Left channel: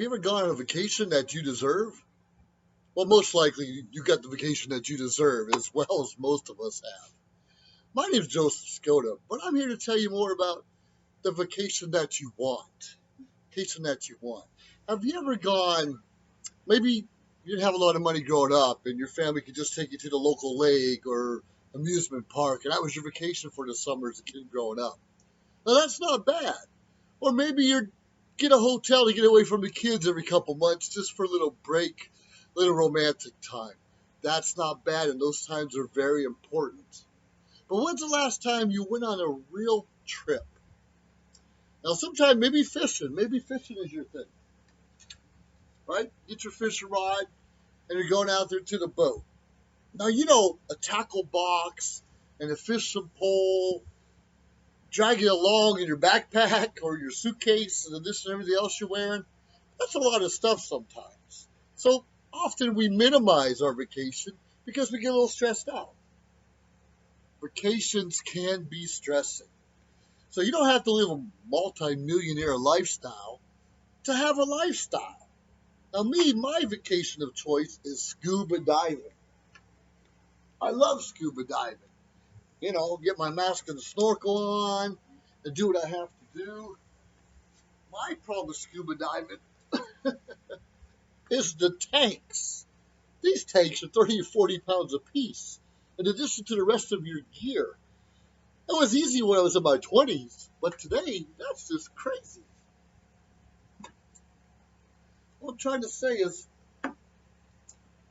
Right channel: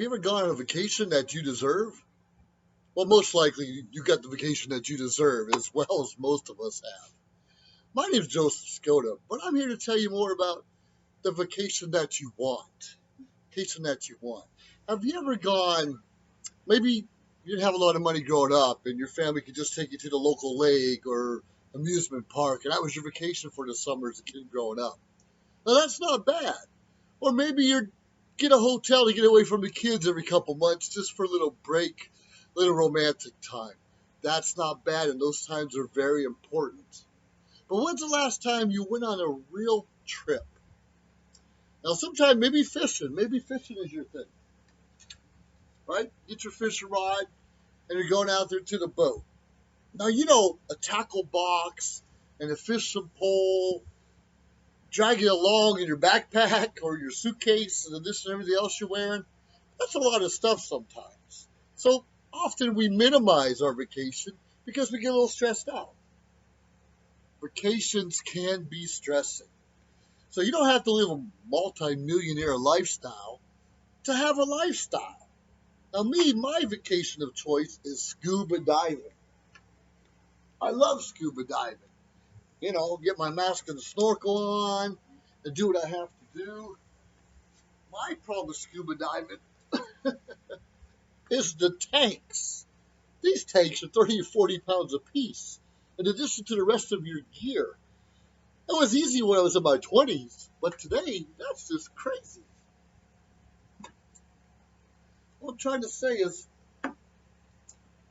Have you ever gone on a vacation that you deserve? Well, most likely you got the vacation that you deserve, as well as most of us have. My name's Joseph Skoda, but I'm here to tell you more about the vacation that you want. Vacation that you want. Have you ever gone, maybe you didn't have a lot of money growing up and your family could just take you to the local lake or amusement park, and that was your vacation for the summer as a kid growing up? Now, that's not bad. Or maybe you get a hotel to get away from the kids every couple months just for a little break, little romantic time. That's not bad, and those times are very important. But when's the last time you went on a real trip? Now, sometime maybe fishing is your thing, right? Get your fishing rod, and you're going out there to the boat. Now, a tackle box and a fishing pole, drag it along in your backpack or your suitcase and this and everything else you're wearing. That's a lot of stuff sometimes. So often we minimize our vacation because we get a little stressed out. Vacations can be stressing. So you don't have to live a multi-millionaire lifestyle to have a lifestyle. Now my vacation of choice is scuba diving. I love scuba diving. Get my mask and snorkel on and do what I have to do. My problem with scuba diving is the tanks. These tanks are 30 or 40 pounds apiece, in addition to the rest of your gear. It was easy when I was in my 20s, but today, that's just crazy. What I'm trying to say is,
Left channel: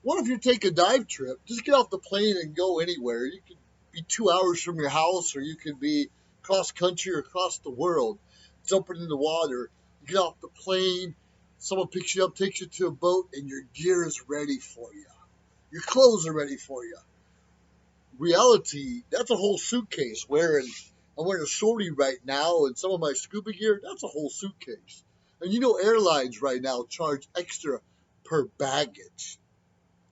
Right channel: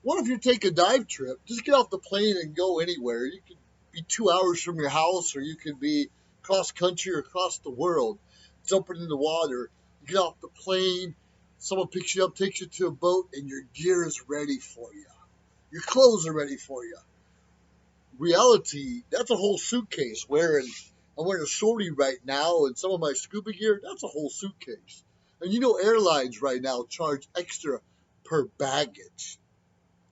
what if you take a dive trip? Just get off the plane and go anywhere. You could be 2 hours from your house, or you could be cross country or across the world, jumping in the water. You get off the plane, someone picks you up, takes you to a boat, and your gear is ready for you. Your clothes are ready for you. Reality, that's a whole suitcase. I'm wearing a shorty right now, and some of my scuba gear, that's a whole suitcase. And airlines right now charge extra per baggage.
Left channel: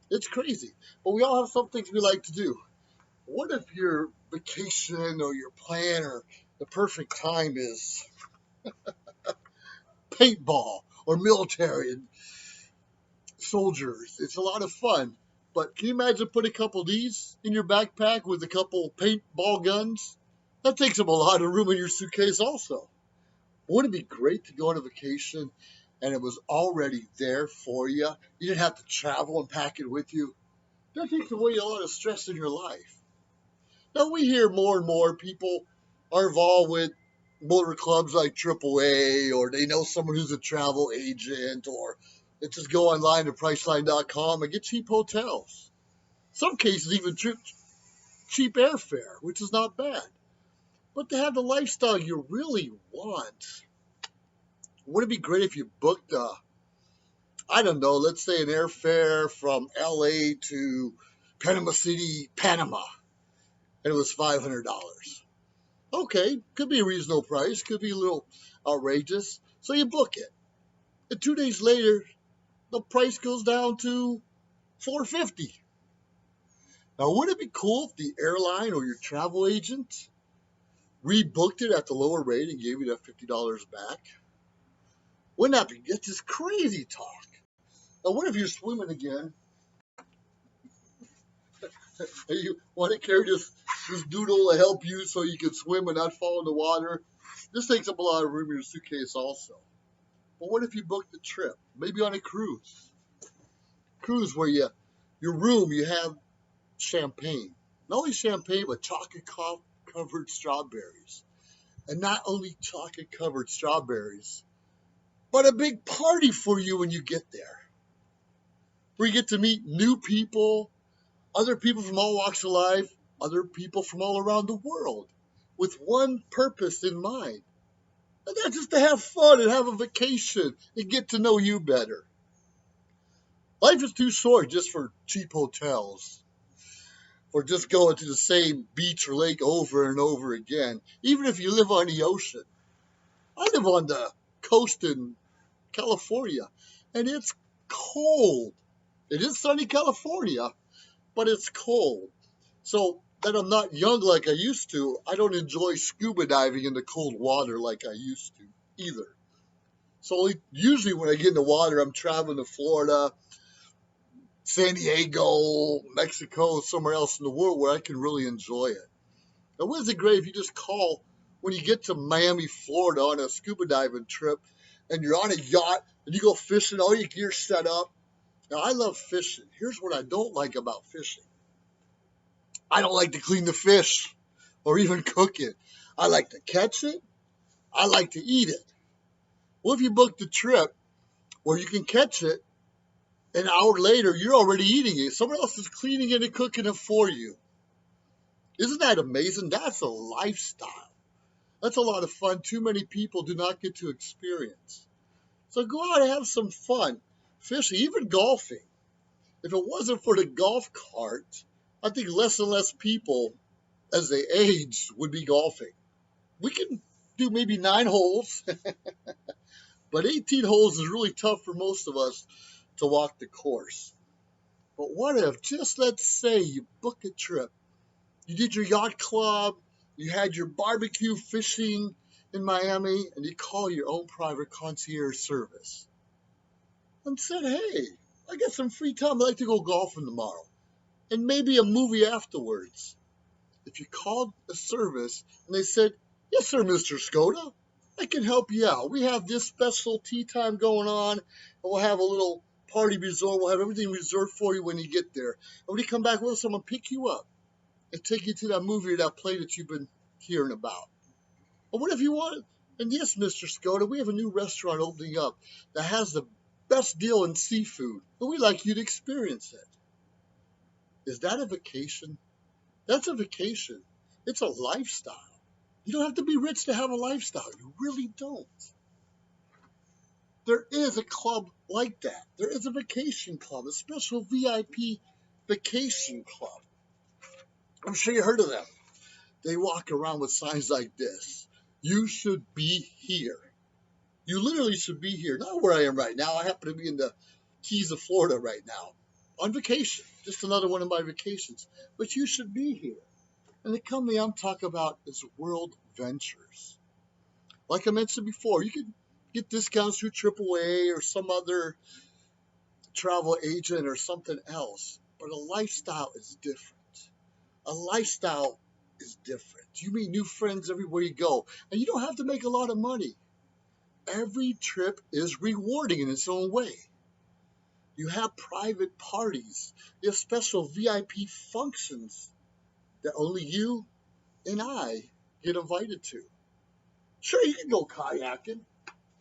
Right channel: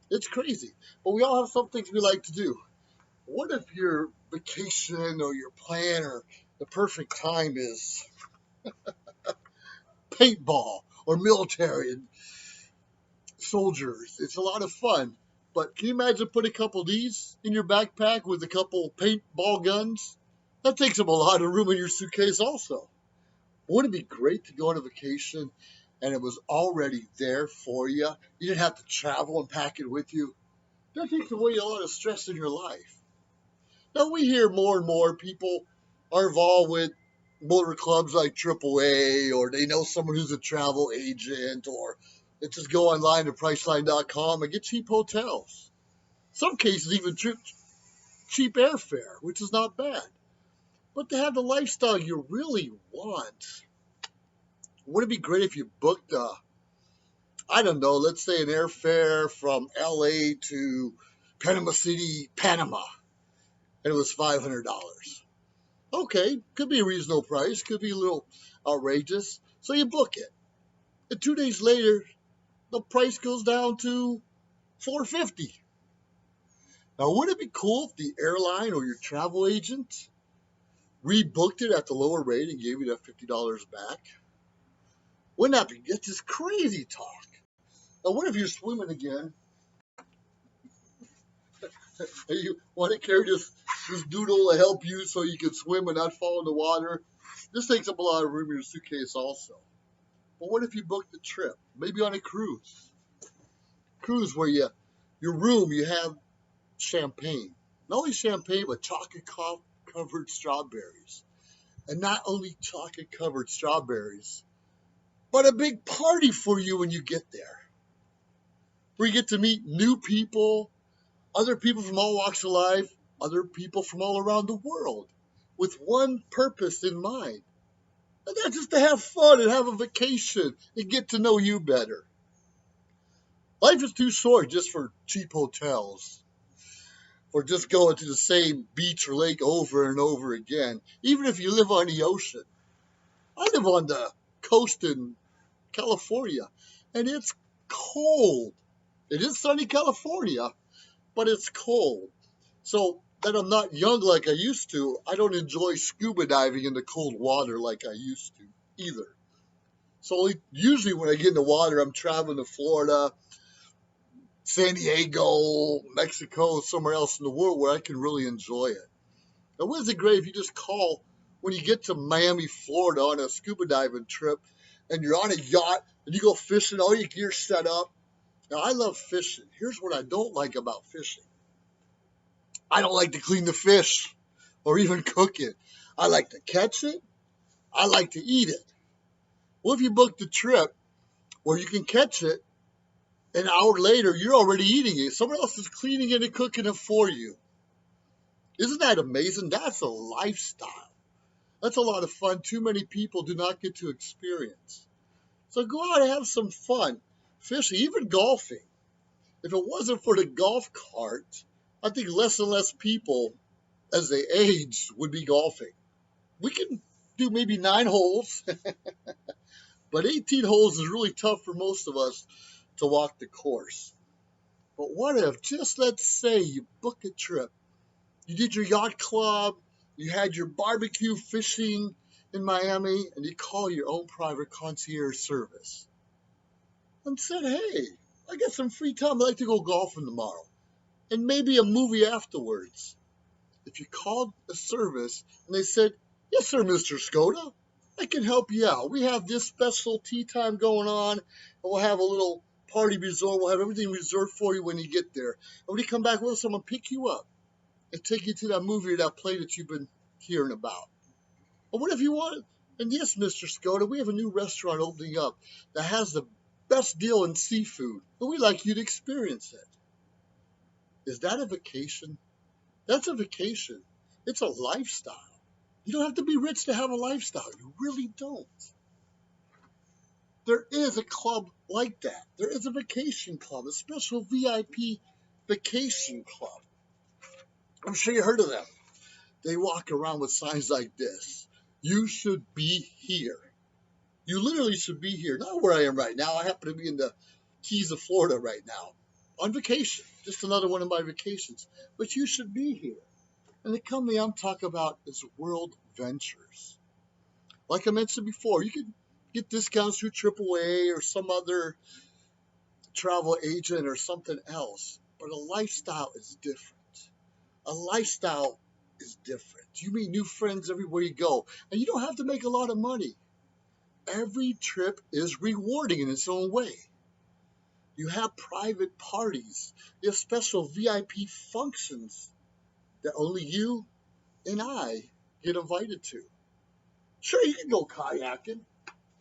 It's crazy. But we all have some things we like to do. What if your vacation or your plan or the perfect time is paintball or military and soldiers? It's a lot of fun. But can you imagine putting a couple of these in your backpack with a couple paintball guns? That takes up a lot of room in your suitcase also. Wouldn't it be great to go on a vacation and it was already there for you? You didn't have to travel and pack it with you. That takes away a lot of stress in your life. Now, we hear more and more people are involved with motor clubs like AAA, or they know someone who's a travel agent, or they just go online to Priceline.com and get cheap hotels. Some cases even cheap airfare, which is not bad. But to have the lifestyle you really want, wouldn't it be great if you booked I don't know, let's say an airfare from LA to Panama City, Panama, and it was $500. Okay, could be a reasonable price, could be a little outrageous, so you book it. And 2 days later, the price goes down to $450. Now, wouldn't it be cool if the airline or your travel agent rebooked it at the lower rate and gave you that $50 back? Wouldn't that be just crazy talk? Now, what if you're swimming again and you want to carry this doodle to help you so you can swim and not fall in the water? This takes up a lot of room in your suitcase also. But what if you booked a trip, maybe on a cruise? Cruise where your room, you have champagne. Not only champagne, but chocolate-covered strawberries. And not only chocolate-covered strawberries, but a big party for you when you get there. Where you get to meet new people, other people from all walks of life, other people from all around the world, with one purpose in mind. And that's just to have fun and have a vacation and get to know you better. Life is too short just for cheap hotels, or just going to the same beach or lake over and over again, even if you live on the ocean. I live on the coast in California, and it's cold. It is sunny California, but it's cold. So that I'm not young like I used to, I don't enjoy scuba diving in the cold water like I used to either. So usually when I get in the water, I'm traveling to Florida, San Diego, Mexico, somewhere else in the world where I can really enjoy it. Now, wouldn't it great if you just call when you get to Miami, Florida on a scuba diving trip and you're on a yacht and you go fishing, all your gear's set up. Now, I love fishing. Here's what I don't like about fishing. I don't like to clean the fish or even cook it. I like to catch it. I like to eat it. Well, if you booked a trip where you can catch it, an hour later, you're already eating it. Someone else is cleaning it and cooking it for you. Isn't that amazing? That's a lifestyle. That's a lot of fun too many people do not get to experience. So go out and have some fun. Fishing, even golfing. If it wasn't for the golf cart, I think less and less people as they age would be golfing. We can do maybe 9 holes, but 18 holes is really tough for most of us to walk the course. But what if, just let's say you book a trip, you did your yacht club, you had your barbecue fishing in Miami, and you call your own private concierge service and said, hey, I got some free time, I'd like to go golfing tomorrow, and maybe a movie afterwards. If you called a service and they said, yes, sir, Mr. Skoda, I can help you out. We have this special tea time going on, and we'll have a little party resort. We'll have everything reserved for you when you get there. And when you come back with us, I'm going to pick you up and take you to that movie or that play that you've been hearing about. But what if you want? And yes, Mr. Skoda, we have a new restaurant opening up that has the best deal in seafood, and we'd like you to experience it. Is that a vacation? That's a vacation. It's a lifestyle. You don't have to be rich to have a lifestyle. You really don't. There is a club like that. There is a vacation club, a special VIP vacation club. I'm sure you heard of them. They walk around with signs like this. You should be here. You literally should be here. Not where I am right now. I happen to be in the Keys of Florida right now on vacation. Just another one of my vacations. But you should be here. And the company I'm talking about is World Ventures. Like I mentioned before, you can get discounts through AAA or some other travel agent or something else. But a lifestyle is different. A lifestyle is different. You meet new friends everywhere you go. And you don't have to make a lot of money. Every trip is rewarding in its own way. You have private parties. You have special VIP functions that only you and I get invited to. Sure, you can go kayaking.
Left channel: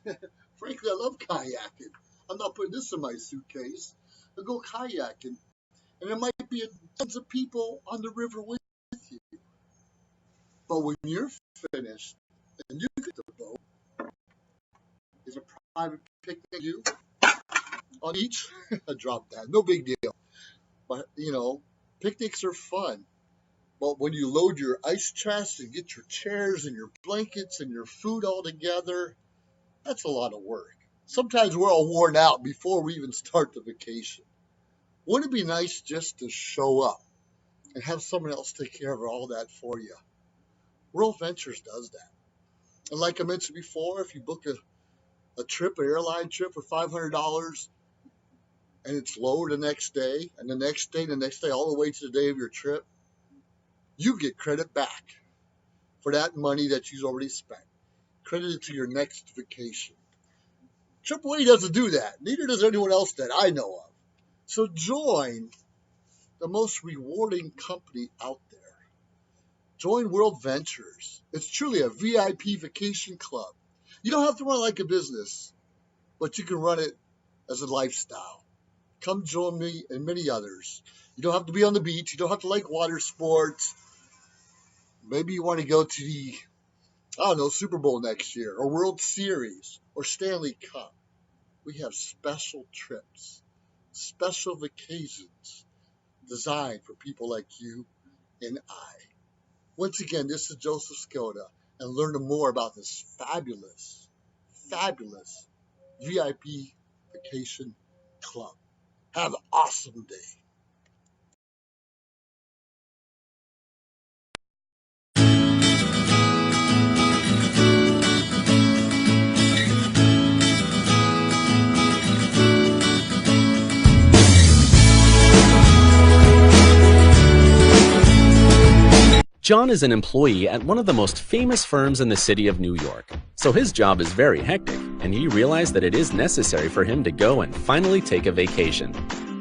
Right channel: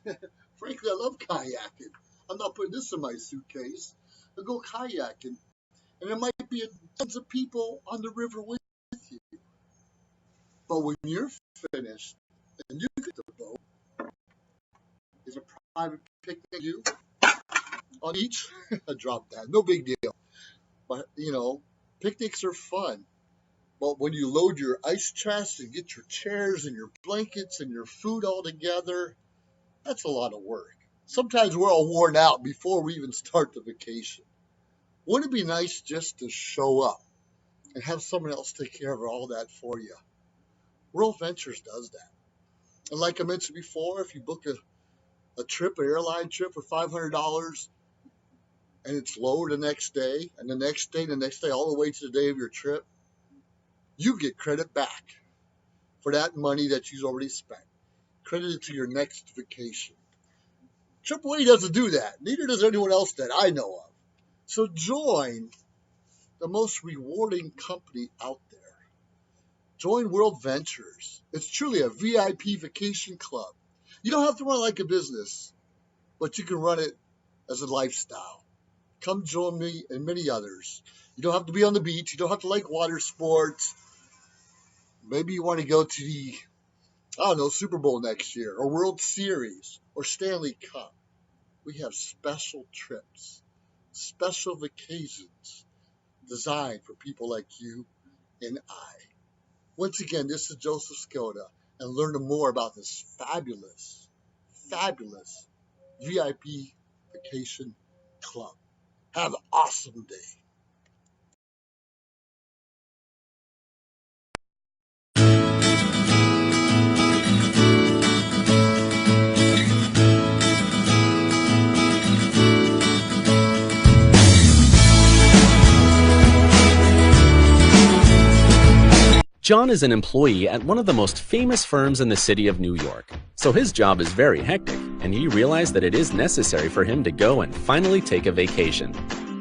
Frankly, I love kayaking. I'm not putting this in my suitcase. I'll go kayaking. And there might be tons of people on the river with you. But when you're finished and you get the boat, is a private picnic you on the beach? I dropped that. No big deal. But, picnics are fun. But when you load your ice chest and get your chairs and your blankets and your food all together, that's a lot of work. Sometimes we're all worn out before we even start the vacation. Wouldn't it be nice just to show up and have someone else take care of all that for you? World Ventures does that. And like I mentioned before, if you book a trip, an airline trip for $500, and it's lower the next day, and the next day, all the way to the day of your trip, you get credit back for that money that you've already spent. Credited to your next vacation. AAA doesn't do that. Neither does anyone else that I know of. So join the most rewarding company out there. Join World Ventures. It's truly a VIP vacation club. You don't have to run it like a business, but you can run it as a lifestyle. Come join me and many others. You don't have to be on the beach. You don't have to like water sports. Maybe you want to go to the, Super Bowl next year, or World Series, or Stanley Cup. We have special trips, special vacations designed for people like you and I. Once again, this is Joseph Skoda, and learn more about this fabulous, fabulous VIP vacation club. Have an awesome day. John is an employee at one of the most famous firms in the city of New York, so his job is very hectic, and he realized that it is necessary for him to go and finally take a vacation.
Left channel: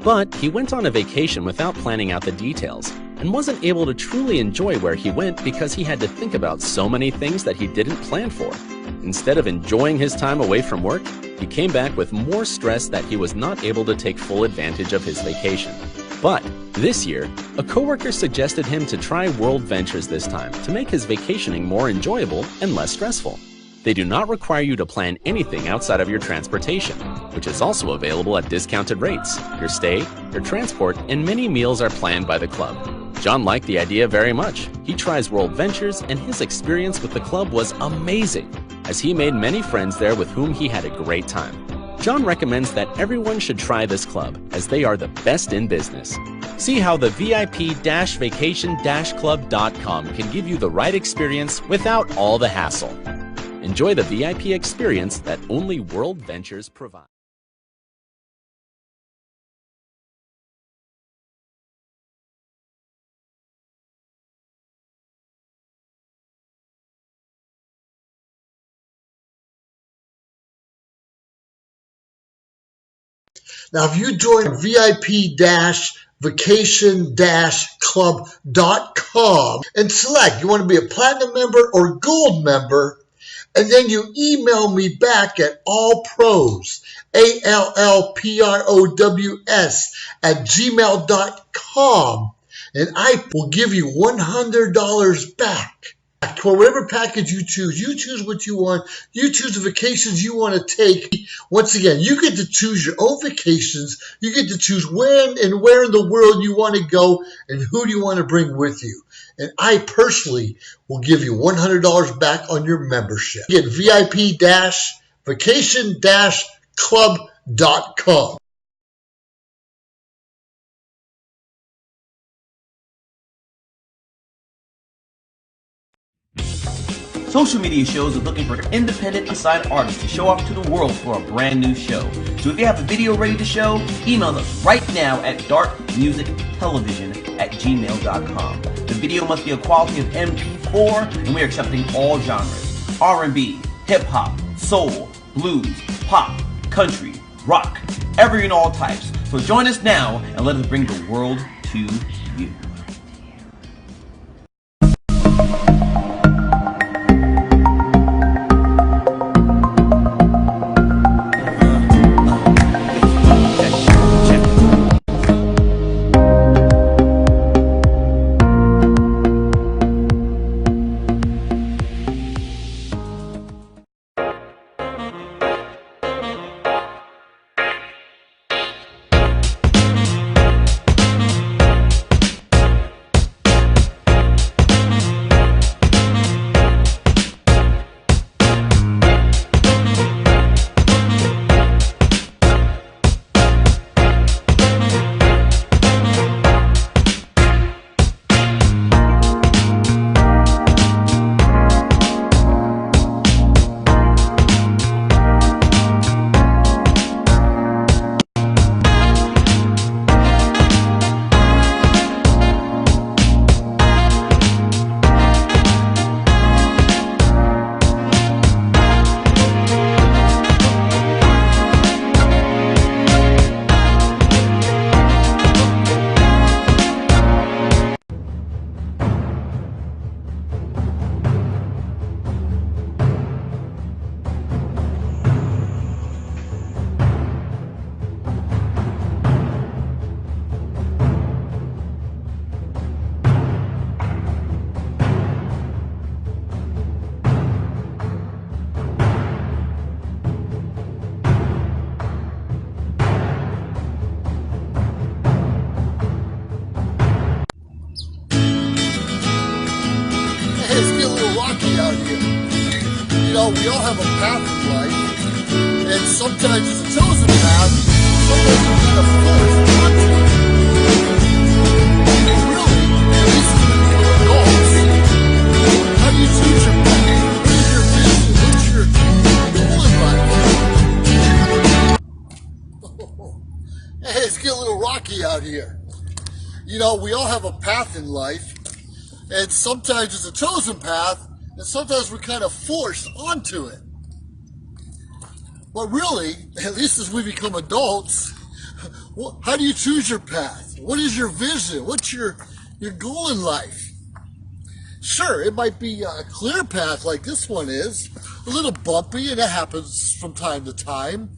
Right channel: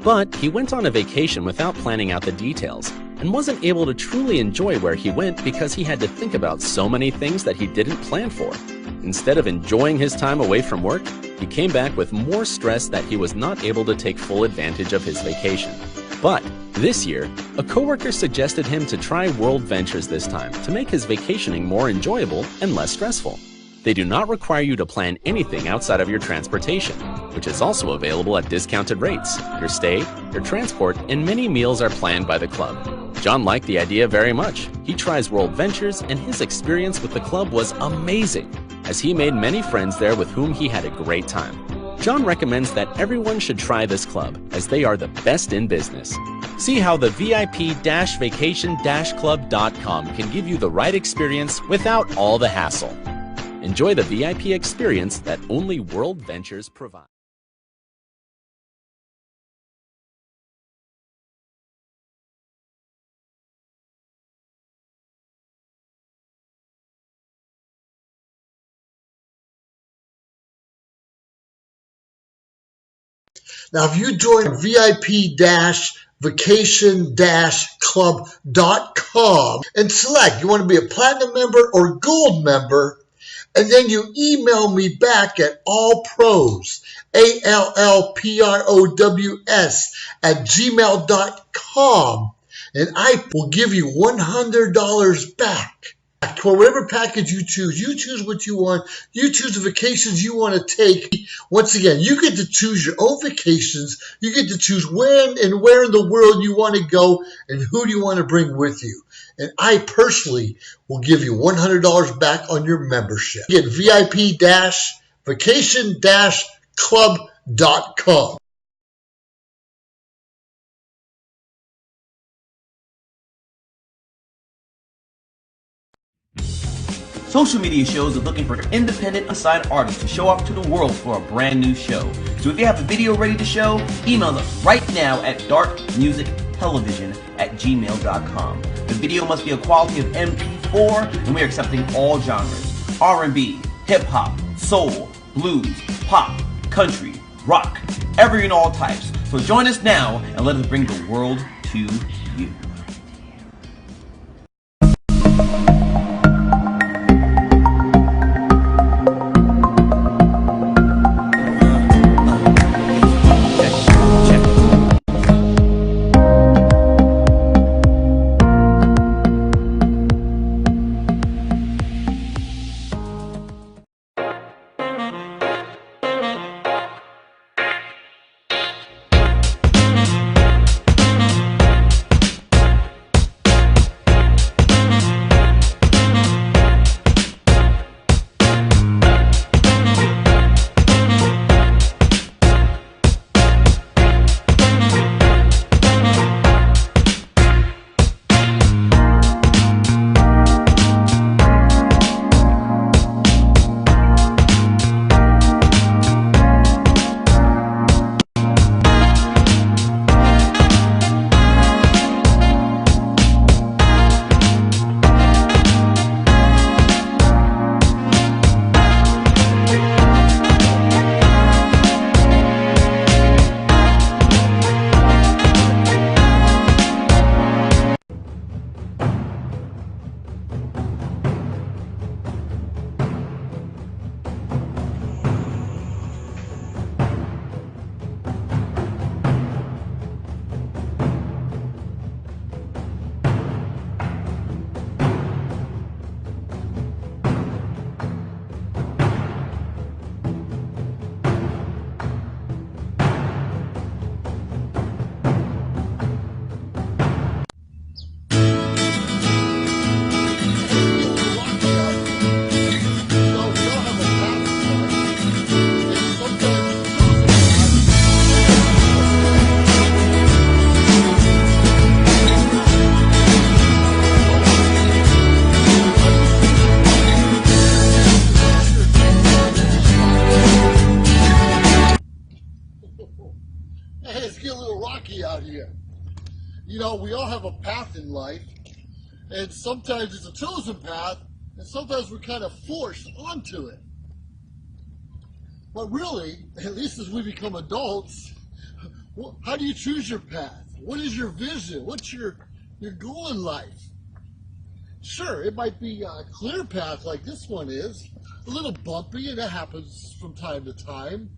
But he went on a vacation without planning out the details, and wasn't able to truly enjoy where he went because he had to think about so many things that he didn't plan for. Instead of enjoying his time away from work, he came back with more stress that he was not able to take full advantage of his vacation. But this year, a coworker suggested him to try World Ventures this time to make his vacationing more enjoyable and less stressful. They do not require you to plan anything outside of your transportation, which is also available at discounted rates. Your stay, your transport, and many meals are planned by the club. John liked the idea very much. He tries World Ventures, and his experience with the club was amazing, as he made many friends there with whom he had a great time. John recommends that everyone should try this club, as they are the best in business. See how the VIP-vacation-club.com can give you the right experience without all the hassle. Enjoy the VIP experience that only World Ventures provides. Now, if you join VIP-vacation-club.com and select you want to be a platinum member or gold member, and then you email me back at allpros, ALLPROWS @gmail.com, and I will give you $100 back for whatever package you choose. You choose what you want. You choose the vacations you want to take. Once again, you get to choose your own vacations. You get to choose when and where in the world you want to go and who do you want to bring with you. And I personally will give you $100 back on your membership. Get VIP-vacation-club.com. Social media shows are looking for independent unsigned artists to show off to the world for a brand new show. So if you have a video ready to show, email us right now at darkmusictelevision@gmail.com. The video must be a quality of MP4, and we are accepting all genres: R&B, hip-hop, soul, blues, pop, country, rock, every and all types. So join us now and let us bring the world to you. Hey, it's getting a little rocky out here. You know, we all have a path in life, And sometimes it's a chosen path, and sometimes we're kind of forced onto it. But really, at least as we become adults, how do you choose your path? What is your vision? What's your goal in life? Sure, it might be a clear path like this one is, a little bumpy, and it happens from time to time.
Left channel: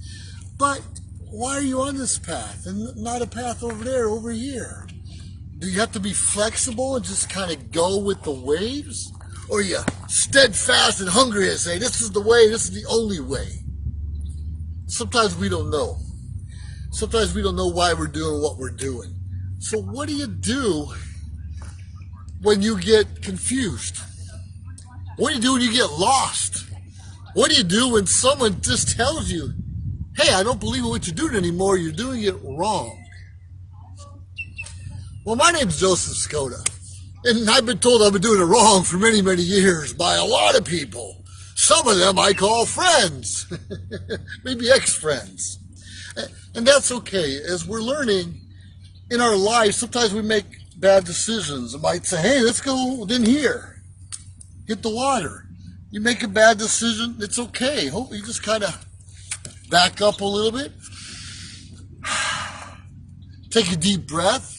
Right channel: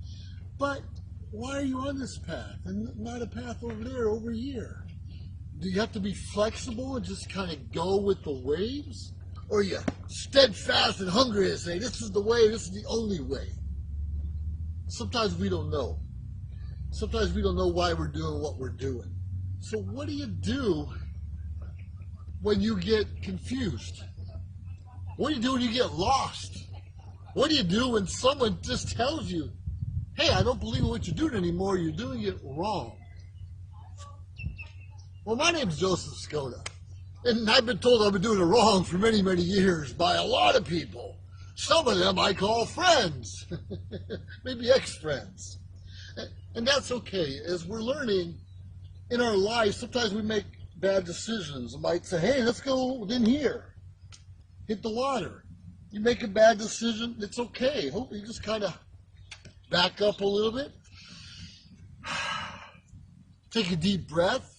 But why are you on this path and not a path over there, over here? Do you have to be flexible and just kind of go with the waves? Or are you steadfast and hungry and say, this is the way, this is the only way? Sometimes we don't know. Sometimes we don't know why we're doing what we're doing. So what do you do when you get confused? What do you do when you get lost? What do you do when someone just tells you, hey, I don't believe in what you're doing anymore, you're doing it wrong? Well, my name's Joseph Skoda, and I've been told I've been doing it wrong for many, many years by a lot of people. Some of them I call friends, maybe ex-friends. And that's okay. As we're learning in our lives, sometimes we make bad decisions. I might say, hey, let's go in here, hit the water. You make a bad decision, it's okay. You just kind of back up a little bit, take a deep breath,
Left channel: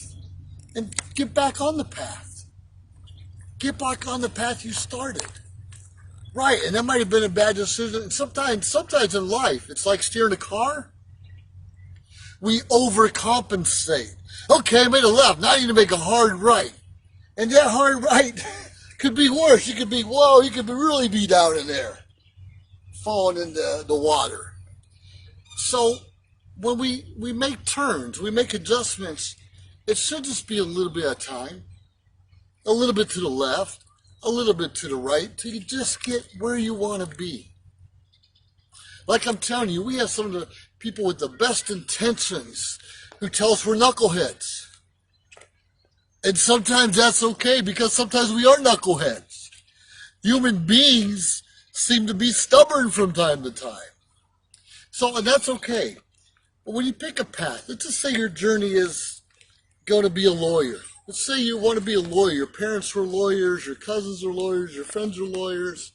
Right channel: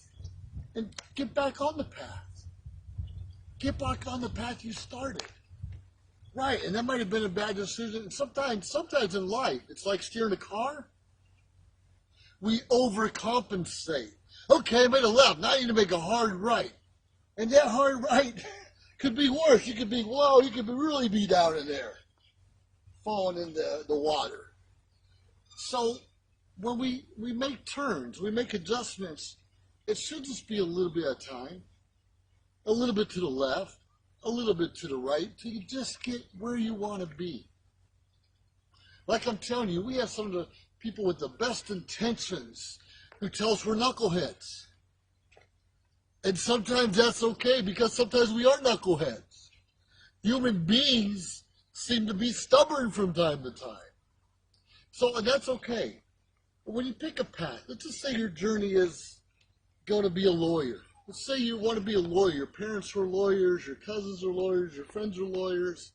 and get back on the path. Get back on the path you started. Right, and that might have been a bad decision. And sometimes in life, it's like steering a car. We overcompensate. Okay, I made a left, now I need to make a hard right. And that hard right could be worse. You could be, whoa, you could really be down in there, falling in the water. So when we make turns, we make adjustments, it should just be a little bit of time, a little bit to the left, a little bit to the right, till you just get where you want to be. Like I'm telling you, we have some of the people with the best intentions who tell us we're knuckleheads. And sometimes that's okay, because sometimes we are knuckleheads. Human beings seem to be stubborn from time to time. So that's okay. But when you pick a path, let's just say your journey is going to be a lawyer. Let's say you want to be a lawyer. Your parents were lawyers, your cousins are lawyers, your friends are lawyers,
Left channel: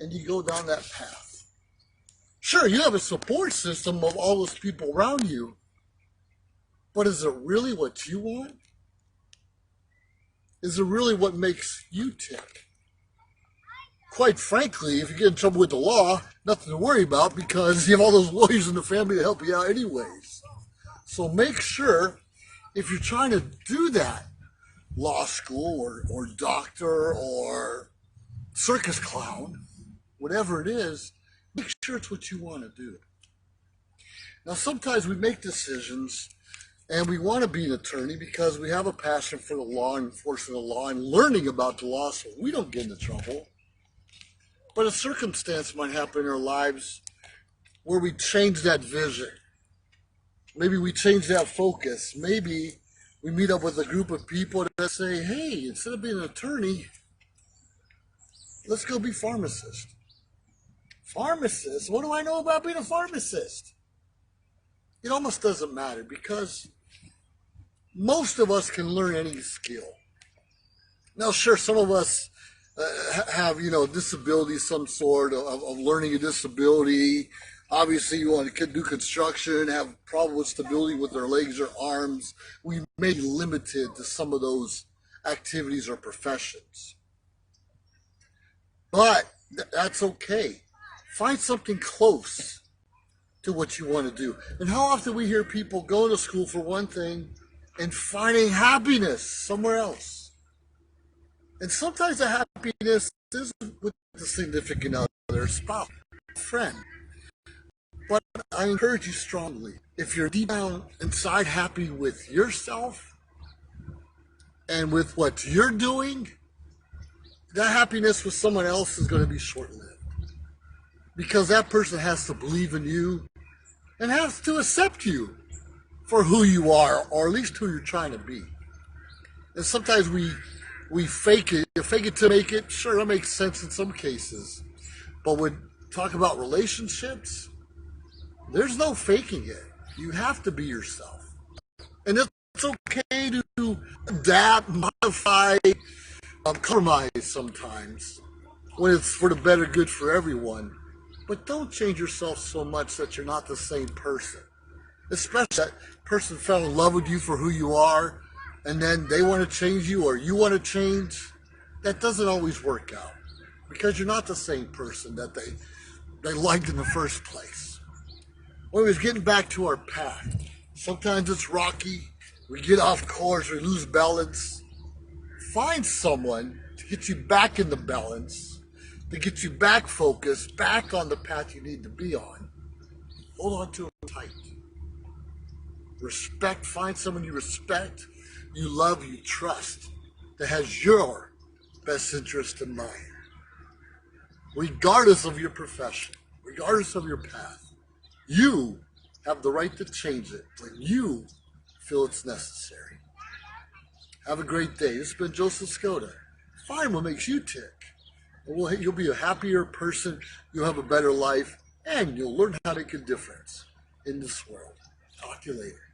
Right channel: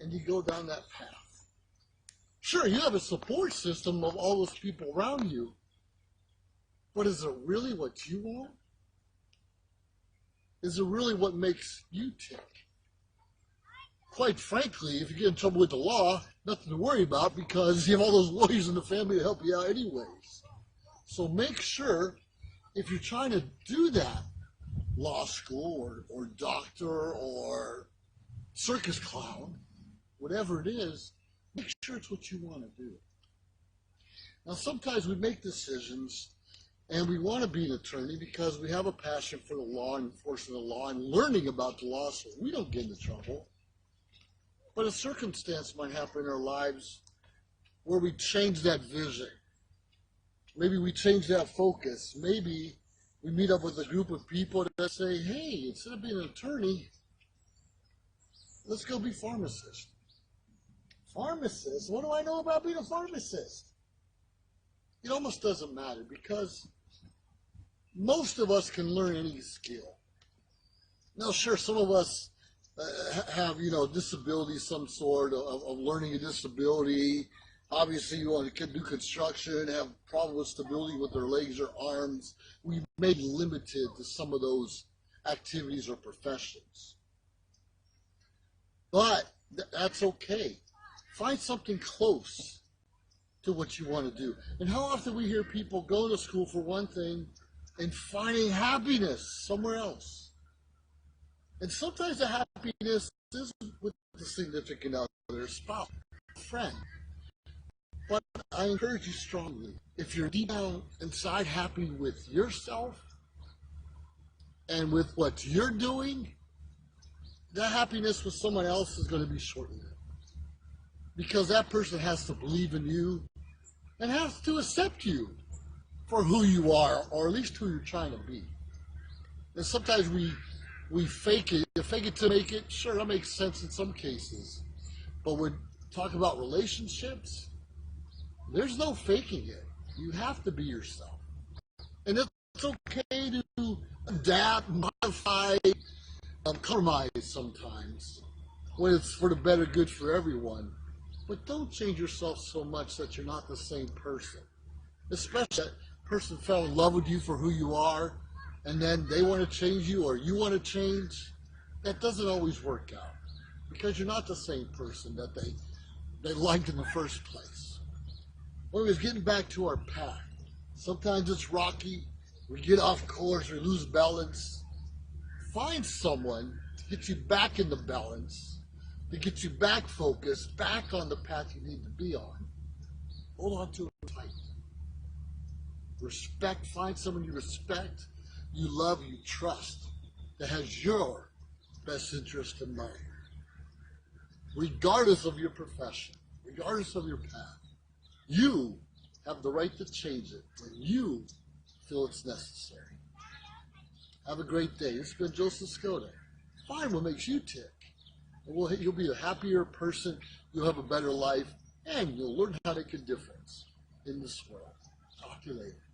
and you go down that path. Sure, you have a support system of all those people around you, but is it really what you want? Is it really what makes you tick? Quite frankly, if you get in trouble with the law, nothing to worry about, because you have all those lawyers in the family to help you out anyways. So make sure, if you're trying to do that, law school or doctor or circus clown, whatever it is, make sure it's what you want to do. Now, sometimes we make decisions and we want to be an attorney because we have a passion for the law and enforcing the law and learning about the law so we don't get into trouble. But a circumstance might happen in our lives where we change that vision. Maybe we change that focus. Maybe we meet up with a group of people that say, hey, instead of being an attorney, let's go be pharmacist. Pharmacist? What do I know about being a pharmacist? It almost doesn't matter, because most of us can learn any skill. Now, sure, some of us have, disabilities, some sort of learning a disability. Obviously, you want to do construction, have problem with stability with their legs or arms. We may be limited to some of those activities or professions. But that's okay. Find something close to what you want to do. And how often we hear people going to school for one thing and finding happiness somewhere else. And sometimes the happiness is with the significant other, spouse, friend. But I encourage you strongly, if you're deep down inside happy with yourself and with what you're doing, that happiness with someone else is going to be short-lived. Because that person has to believe in you and has to accept you for who you are, or at least who you're trying to be. And sometimes we fake it to make it. Sure, that makes sense in some cases. But when talk about relationships, there's no faking it. You have to be yourself. And it's okay to adapt, modify, compromise sometimes when it's for the better good for everyone. But don't change yourself so much that you're not the same person. Especially that person fell in love with you for who you are, and then they want to change you or you want to change. That doesn't always work out because you're not the same person that they liked in the first place. Anyways, getting back to our path. Sometimes it's rocky. We get off course, we lose balance. Find someone to get you back in the balance, to get you back focused, back on the path you need to be on. Hold on to them tight. Respect, find someone you respect, you love, you trust, that has your best interest in mind. Regardless of your profession, regardless of your path, you have the right to change it when you feel it's necessary. Have a great day. This has been Joseph Skoda. Find what makes you tick. You'll be a happier person, you'll have a better life, and you'll learn how to make a difference in this world. Talk to you later.